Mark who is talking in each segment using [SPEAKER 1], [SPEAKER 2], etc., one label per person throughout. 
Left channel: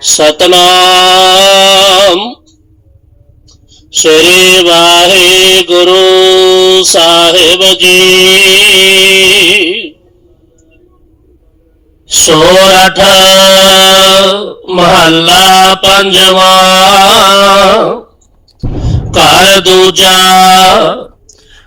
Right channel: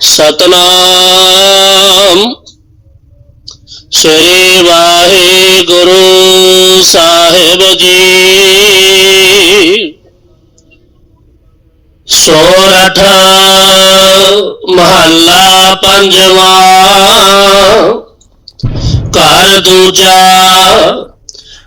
[SPEAKER 1] सतनाम। श्री वाहे गुरु साहेब जी। सोरठ महला पंजवा। कर दूजा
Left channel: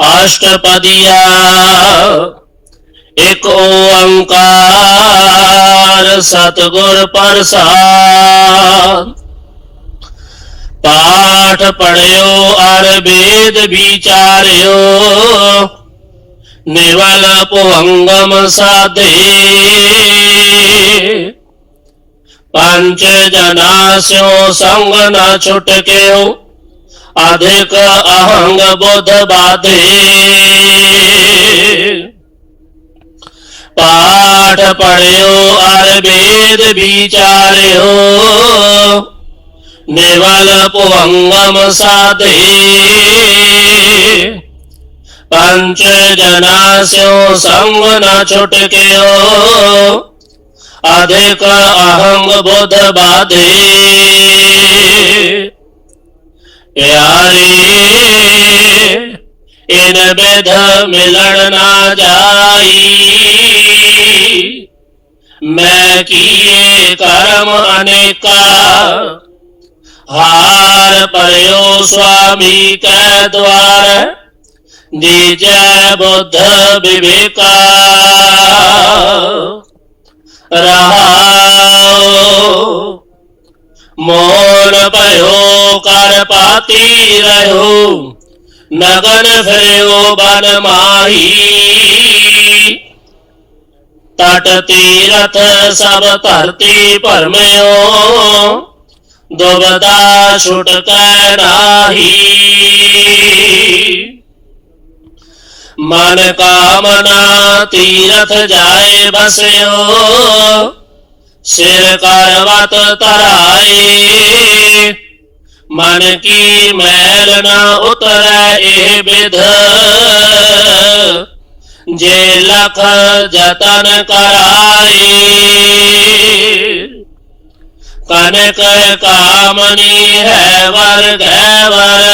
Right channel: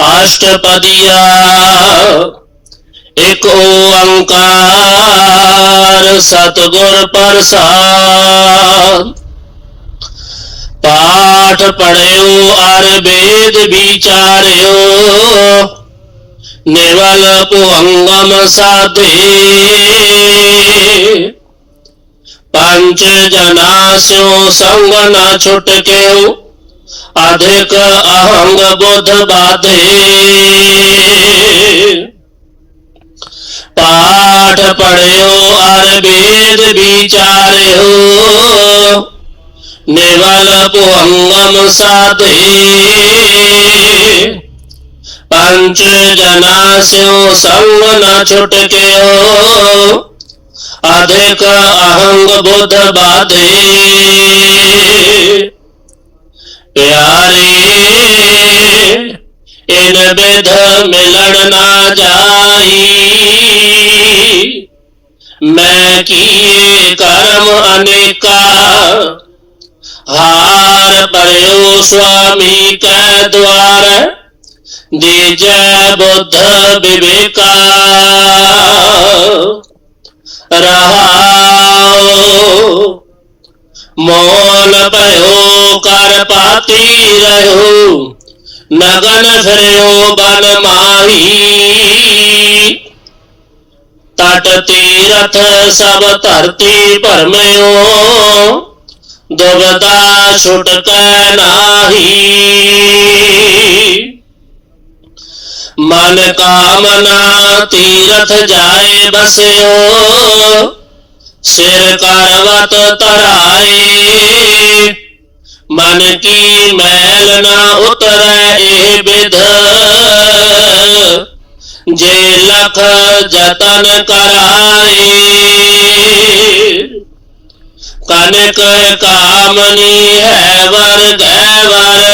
[SPEAKER 1] अष्टपदिया एक ओंकार सतगुर प्रसाद। पाठ पढ़ो और वेद विचार्यो, निवल पुवंगम साधे। पंच जनास्यो संग न छुटके अधिक अहंग बुध बाधे। पाठ पढ़ो अर वेद विचारियो। निवल पुहंगम साधे। पंच जना स्यो संग न छुटके अधिक अहंग बुध बाधे। भेद मिलन ना जाई। मैं किए कर्म अनेका, हार पयो स्वामी के द्वार जय बुद्ध विवेका। रहा मोल भयो कर पाती रहू। नगन भयो बन माही। तट तीरथ सब धरती परमयो दुबदा छुटक नाही। मन कामना तीरथ जाए बसयो, सिर करवत तराए। मन की मैल ना उतरे विध। जे लख जतन कराए कनक कामनी है वर कैवर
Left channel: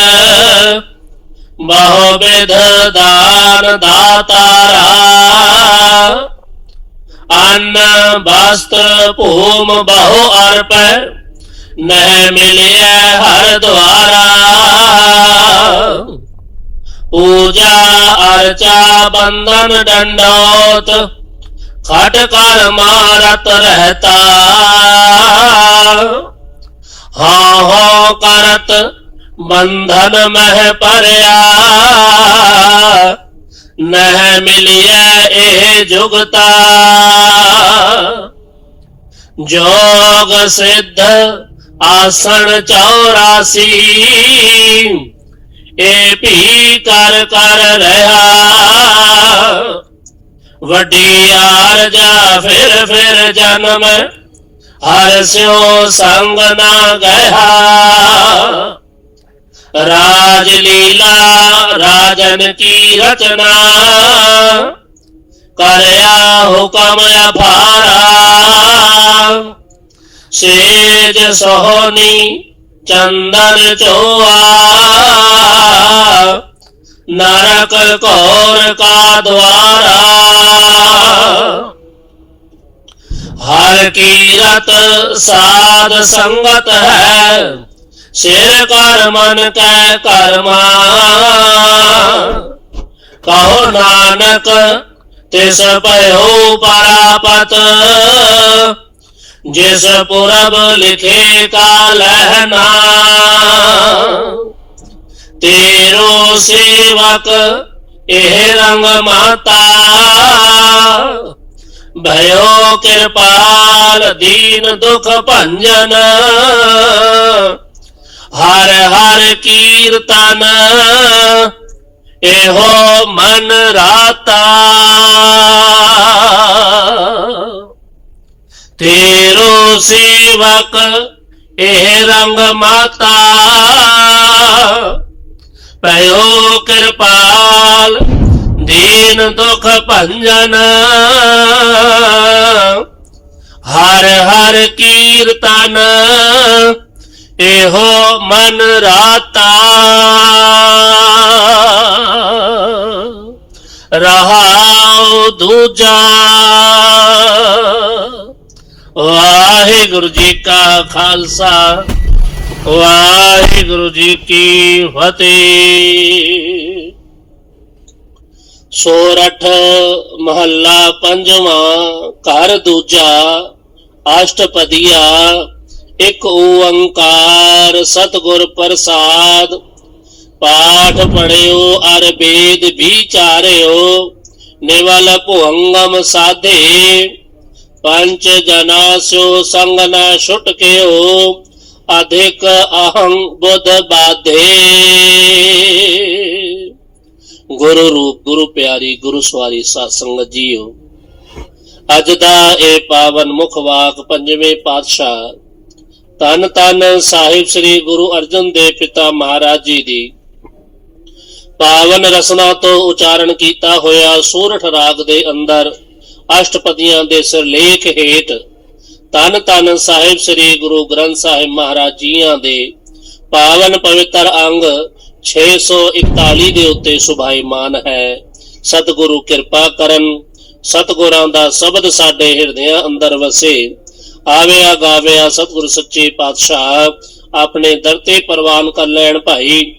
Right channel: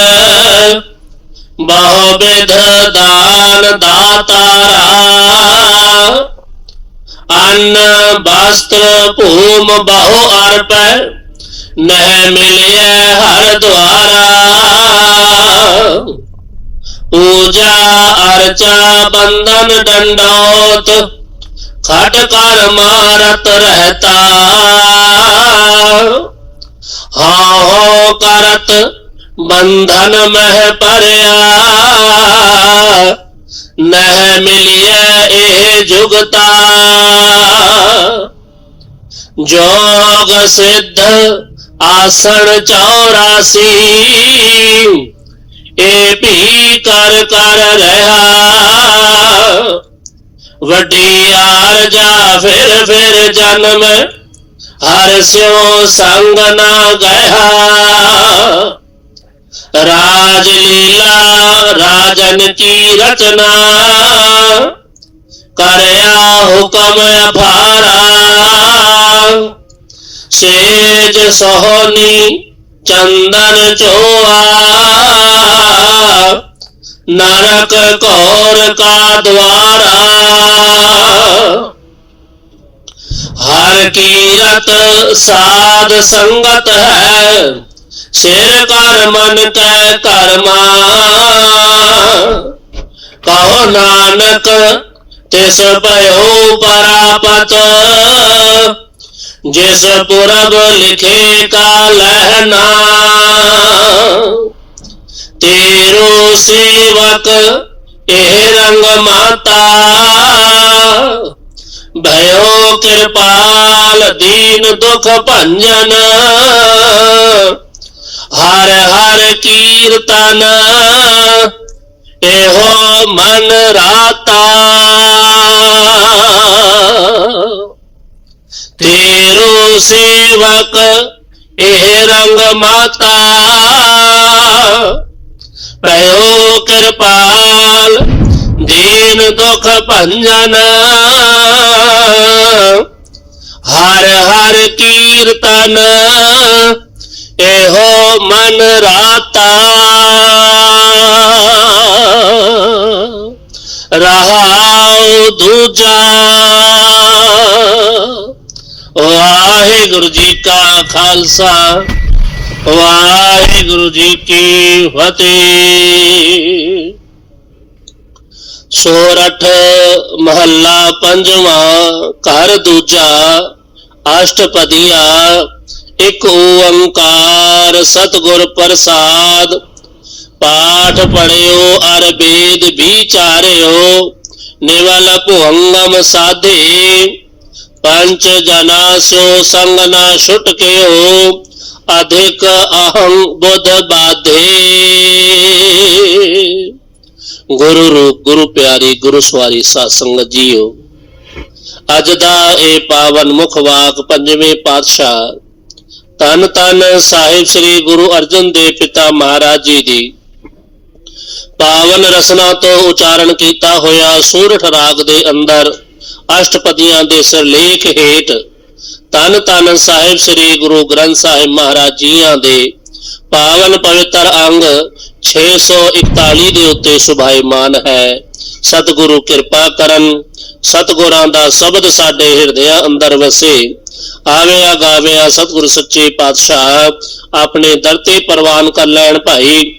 [SPEAKER 1] बहुविध दान दातारा अन्न, वस्त्र पूम बहु अर्पण। नह मिलिए हर द्वारा पूजा, अर्चा, बंधन, दंडोत, खट कर मारत रहता। हा हो करत बंधन मह परया। नह मिलिए ए जुगता। जोग सिद्ध आसन चौरासी, ए भी कर कर रहा। वटियार जा फिर फिर जन्म, हर सिंह संग ना गया। राजलीला राजन की रचना, करया हुक्म अफारा। तेज सोहनी चंदन चोआ। नरक कौर का द्वारा। हर कीरत साध संगत है, शेर कर मन कै कर्मा। कहो नानक, तिस पयो परापत। जिस पुरब लिखे का लहना, तेरो सेवक एह रंग माता। भयो कृपाल, दीन दुख भंजन। हर हर कीर्तन एहो मन सेवक, एह रंग माता। पयो कृपाल, दीन दुख भंजन। हर हर कीर्तन, एहो मन राता। रहा दूजा। ਵਾਹਿਗੁਰੂ ਜੀ ਕਾ ਖਾਲਸਾ ਵਾਹਿਗੁਰੂ ਜੀ ਕੀ ਫਤਿਹ ਸੋਰਠ ਮਹੱਲਾ ਪੰਜਵਾਂ ਘਰ ਦੂਜਾ ਅਸ਼ਟਪਦੀਆਂ ਇੱਕ ਓੰਕਾਰ ਸਤਿਗੁਰ ਪ੍ਰਸਾਦ ਪਾਠ ਪੜਿਓ ਅਰ ਵੇਦ ਵਿਚਾਰਿਓ ਨਿਵਲ ਭੁੰਗਮ ਸਾਧੇ ਪੰਚ ਜਨਾ ਸੋ ਸੰਗ ਨਾ ਛੁਟਕਿਓ ਅਧਿਕ ਅਹੰ ਬੁੱਧ ਬਾਧੇ ਗੁਰੂ ਰੂਪ ਗੁਰੂ ਪਿਆਰੀ ਗੁਰੂ ਸਵਾਰੀ ਸਾਧ ਸੰਗਤ ਜੀਓ ਅੱਜ ਦਾ ਇਹ ਪਾਵਨ ਮੁਖ ਵਾਕ ਪੰਜਵੇਂ ਪਾਤਸ਼ਾਹ ਤਨ ਤਨ ਸਾਹਿਬ ਸ੍ਰੀ ਗੁਰੂ ਅਰਜਨ ਦੇਵ ਪਿਤਾ ਮਹਾਰਾਜ ਜੀ ਦੀ ਪਾਵਨ ਰਸਨਾ ਤੋਂ ਉਚਾਰਨ ਕੀਤਾ ਹੋਇਆ ਸੂਰਠ ਰਾਗ ਦੇ ਅੰਦਰ ਅਸ਼ਟਪਦੀਆਂ ਦੇ ਸਿਰਲੇਖ ਹੇਠ ਤਨ ਤਨ ਸਾਹਿਬ ਸ੍ਰੀ ਗੁਰੂ ਗ੍ਰੰਥ ਸਾਹਿਬ ਮਹਾਰਾਜ ਜੀਆਂ ਦੇ ਪਾਵਨ ਪਵਿੱਤਰ ਅੰਗ 641 ਦੇ ਉੱਤੇ ਸੁਭਾਈਮਾਨ ਹੈ। ਸਤਿਗੁਰੂ ਕਿਰਪਾ ਕਰਨ, ਸਤਿਗੁਰਾਂ ਦਾ ਸ਼ਬਦ ਸਾਡੇ ਹਿਰਦਿਆਂ ਅੰਦਰ ਵਸੇ। ਆਵਿਆ ਗਾਵਿਆ ਸਤਿਗੁਰੂ ਸੱਚੇ ਪਾਤਸ਼ਾਹ, ਆਪਣੇ ਦਰ ਤੇ ਪ੍ਰਵਾਨ ਕਰ ਲੈਣ ਭਾਈ।